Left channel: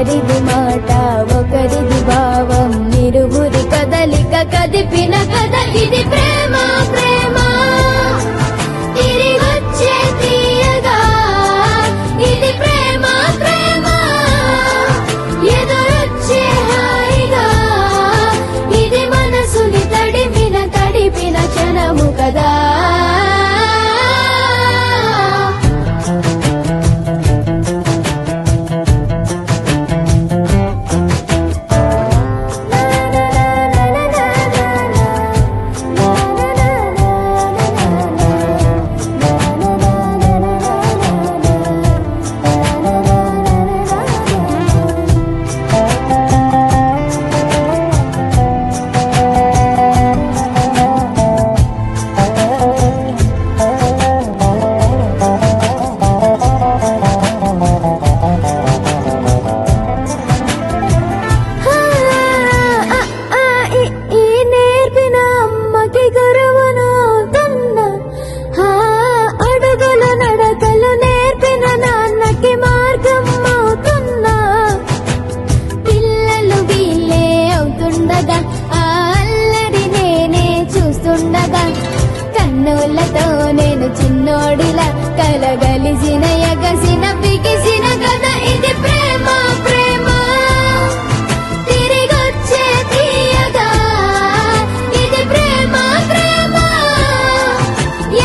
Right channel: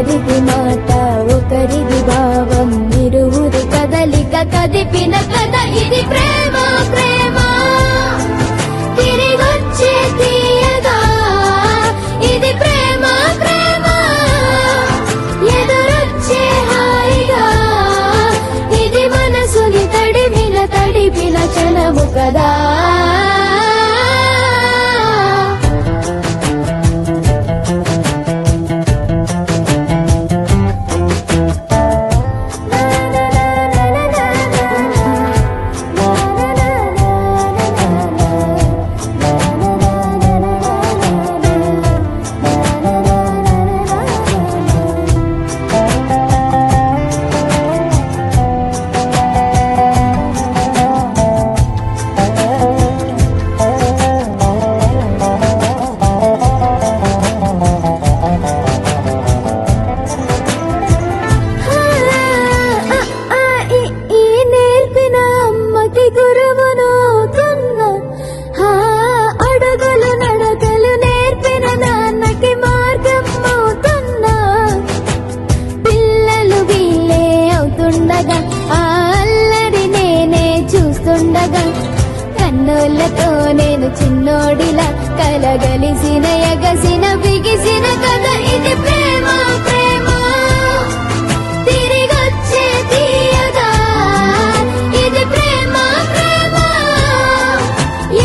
ఒకరిది మాట ఒకరిది భావం ఇరువురి కదలిక కదిపిన కథ ఇది ప్రేమ ప్రేమ తిరిగొచ్చే తీయగా ఇది ప్రేమ ప్రేమ ఎదురొచ్చే హాయిగా ఇది మనసుని తడిపిన క్షణము కదా అల్లరి నేనే చూస్తుండగా కన్నులతో నేను చిన్నోడిలా కలగలిసిన ఎగసిన బిగిసిన కథ ఇది ప్రేమ ప్రేమ తిరిగొచ్చే తీయగా ఇది ప్రేమ ప్రేమ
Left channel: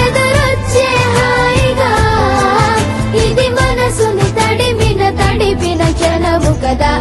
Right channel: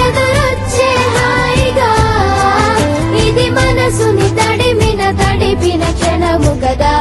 ఎదురొచ్చే హాయిగా ఇది మనసుని తడిపిన క్షణము కదా